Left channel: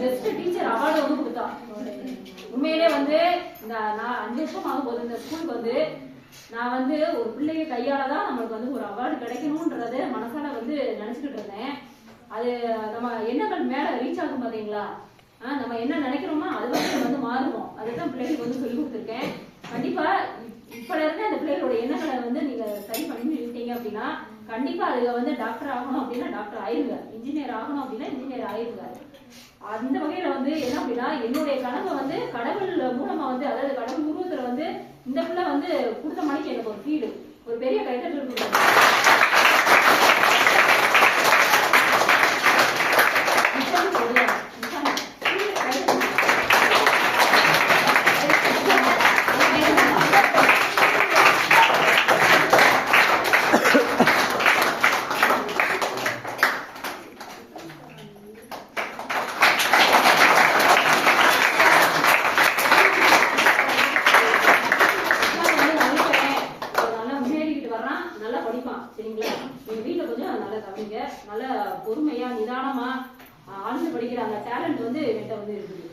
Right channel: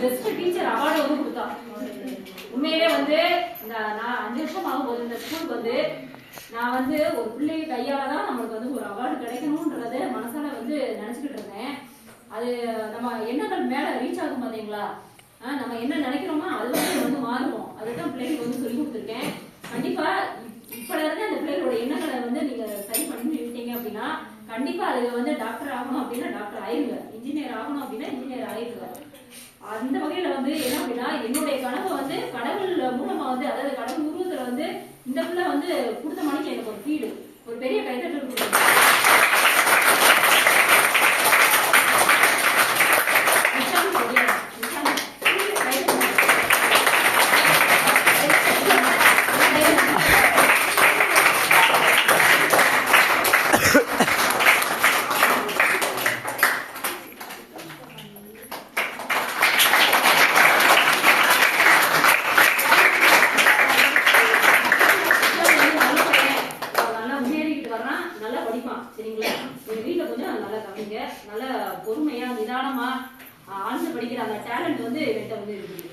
Best teacher award வந்து கொடுத்தா. உண்மையிலே வந்து இந்த நான் அஞ்சு வருஷம் ஆகும்போது இந்த ஸ்கூலுக்கு வந்து நான் வந்து ஒரு பிள்ளைங்க கையால தான் நம்மளுக்கு வந்து ஒரு அவார்டு கிடைக்கணும்ன்றது மனசால வந்து நினைச்சுக்கிட்டு இருந்தேன். அது நம்ம எண்ணங்கள் மேல ரீச் ஆகும் பாத்தீங்களா? நம்ம என்ன நினைக்கிறோமோ அது வந்து வந்து மாறுவோம். அதுதான் பிள்ளைகளுக்கு வந்து சொல்லி கொடுத்துருக்கேன். கண்டிப்பா இப்- இப்பல இருந்து அந்த பிள்ளைகளோட எண்ணங்களை வந்து நீங்க சரி பண்ணிட்டீங்க அப்படின்னா கண்டிப்பா அதுல வந்து டாக்டர் ஆகணும் அப்படின்னா டாக்டர் ஆயிருங்க. இன்ஜினியர் ஆகணும் அப்படின்னா இன்ஜினியர் ஆயிருங்க. அந்த வகையில வந்து என்ன அப்படின்னா என்னுடைய கனவை வந்து கடவுள் மூலமா வந்து அதாவது கடவுள் உருவத்துல வந்து இந்த பிள்ளை வந்து கொடுத்த மணிக்கு எனக்கு ஒரு ஃபீடு ஒரு பெரிய கைத்தட்டல் கொடுத்தாங்க. படிப்பான் சரிங்களா? எங்க வீட்டுல கொஞ்சம் நல்லா கவனிங்க நல்ல பொறுமையா நிதானமா ஆழ்ந்து படிக்கிற அந்த டேலண்ட் வந்து என்கிட்ட வந்து இருக்குது.